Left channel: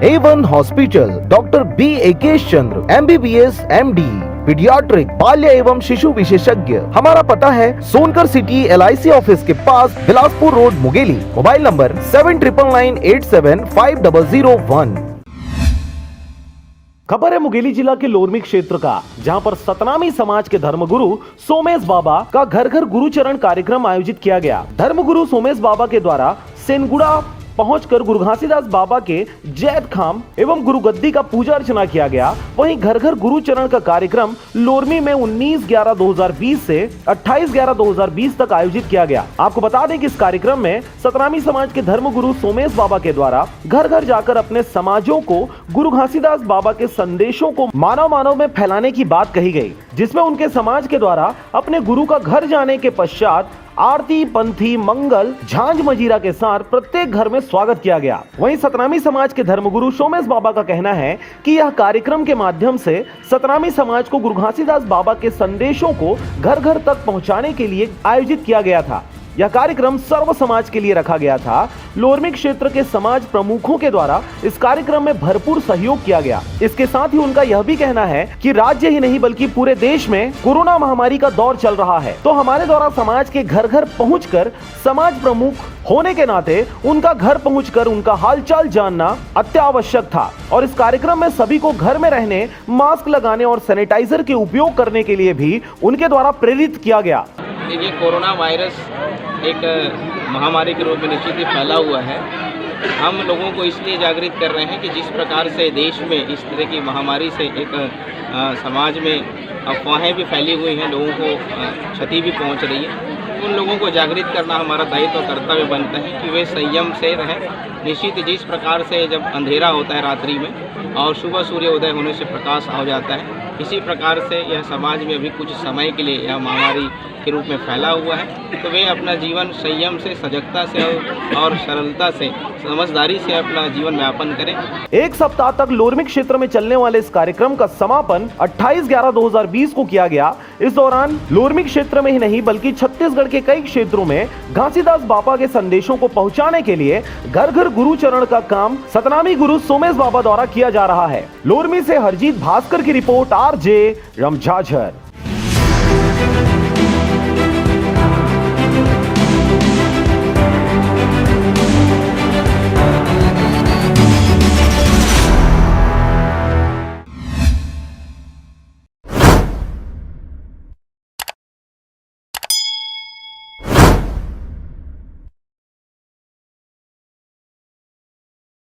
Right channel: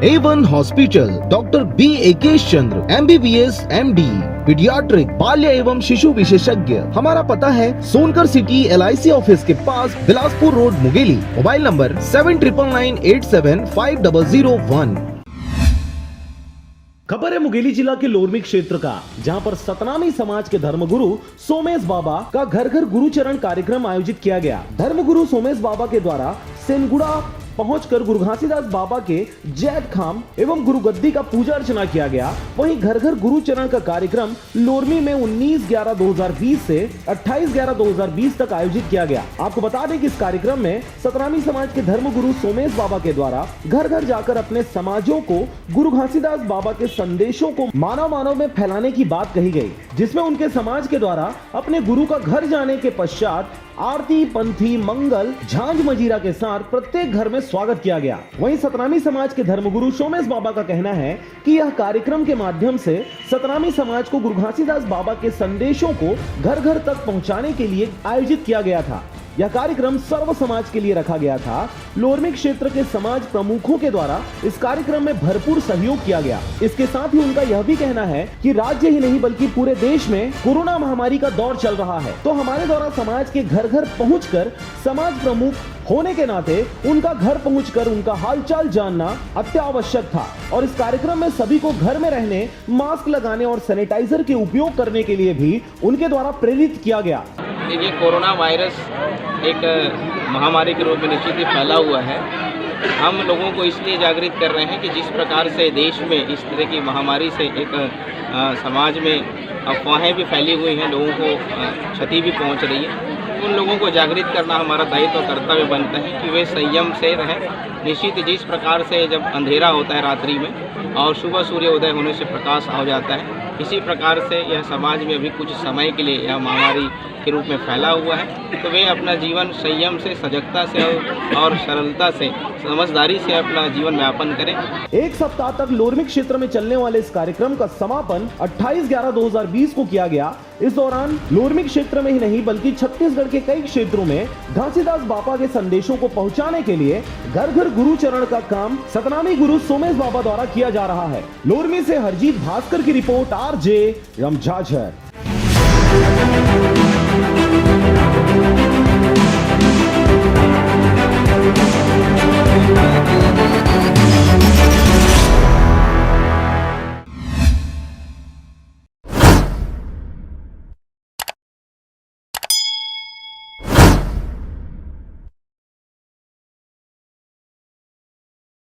A1 hospital, doctor B एकेश चंद्र, MBBS MD, paediatric, बाल्य एवं शिशु विशेषज्ञ। हमारा पता है सोनकर सिटी LIC ऑफिस के पास, Bilaspur road, Mungeli. Mobile number 7999875001। खबर है मुंगेली जिला के लोरमी क्षेत्र का, जहां पर सतनामी समाज के धर्मगुरु सोमेश बाबा का घर घर गुरुचरण कार्यक्रम आयोजित किया गया। धर्मगुरु सोमेश बाबा के द्वारा सेनगुड़ा पहुंचकर गुरु घासीदास बाबा के जैत खाम एवं गुरु गद्दी का पूजा अर्चना किया गया। वहीं घर घर गुरुचरण का कार्यक्रम लोरमी में 19/11/2020 से 28/11/2020 तक आयोजित किया गया। आपको बता दें कि इस कार्यक्रम में सतनामी समाज के धर्मगुरु सोमेश बाबा के द्वारा घर घर जाकर अपने समाजों को गुरु घासीदास बाबा के संदेशों को मानव मानव में फैलाने की बात कही गई, जिसमें उनके समाज के द्वारा अपने गुरु का घर जाने के पश्चात आरती, पंथी, मंगल, झांझ मजीरा के साथ प्रत्येक घर में स्वागत किया गया। वहीं सतनामी समाज के धर्मगुरु सोमेश बाबा का कहना है कि यह कार्यक्रम के माध्यम से सतनामी समाज को गुरु घासीदास बाबा के संदेशों को घर घर तक पहुंचाने के लिए आयोजित किया गया था। यह कार्यक्रम सर्व समाज के लिए रखा गया था। लोरमी क्षेत्र के समाज प्रमुखों के द्वारा इस कार्यक्रम में भरपूर सहयोग किया गया। इसके साथ ही उनका यह भी कहना है कि राज्य ही नहीं बल्कि पूरे देश में कोरोना महामारी का दौर चल रहा है, तो हमारे द्वारा समाज के घर घर पहुंचकर समाज प्रमुख होने के नाते उनका घर पहुंचकर उनका हालचाल जानना अत्यावश्यक था। और इस कार्यक्रम में सभी को घर में रहने, मास्क लगाने और सैनिटाइजर के उपयोग करने के लिए भी उनके द्वारा प्रेरित किया गया। देखिए, कोरोना वायरस एक महामारी के रूप में निश्चित ही फैला हुआ है। हम लोगों को इसलिए जागृत कर रहे हैं कि जिस प्रकार से देश में इस तरह की महामारी से एक समाज में अफवाहें भी फैली हुई हैं, लोगों को क्षति भी पहुंच रही है, उन लोगों को जागृत करना हमारा दायित्व और कर्तव्य बनता है कि वे संयम से रहें। निश्चित जिस प्रकार से जब अंधेरा होता है रात्रि में और सुबह सूर्योदय होने से प्रकाश हो जाता है, इसी प्रकार से यह समाज में अभी कुछ समय के लिए यह महामारी के रूप में फैला हुआ है, तो वे अपना जीवन संयम से, सजगता से और सरलता से, समझदारी से अपना जीवन यापन करें। एक सप्ताह तक लोरमी क्षेत्र में चलने वाले इस कार्यक्रम का समापन 28/11/2020 को किया गया। इस दौरान लोरमी क्षेत्र में ही नहीं बल्कि छत्तीसगढ़ के कई क्षेत्रों में घासीदास बाबा के संदेशों को पहुंचाने के लिए घर घर गुरुचरण का काम सतनामी गुरु सोमेश बाबा द्वारा किया जा रहा है। लोरमी से हरजीत भास्कर की रिपोर्ट, RJ रमझाझर।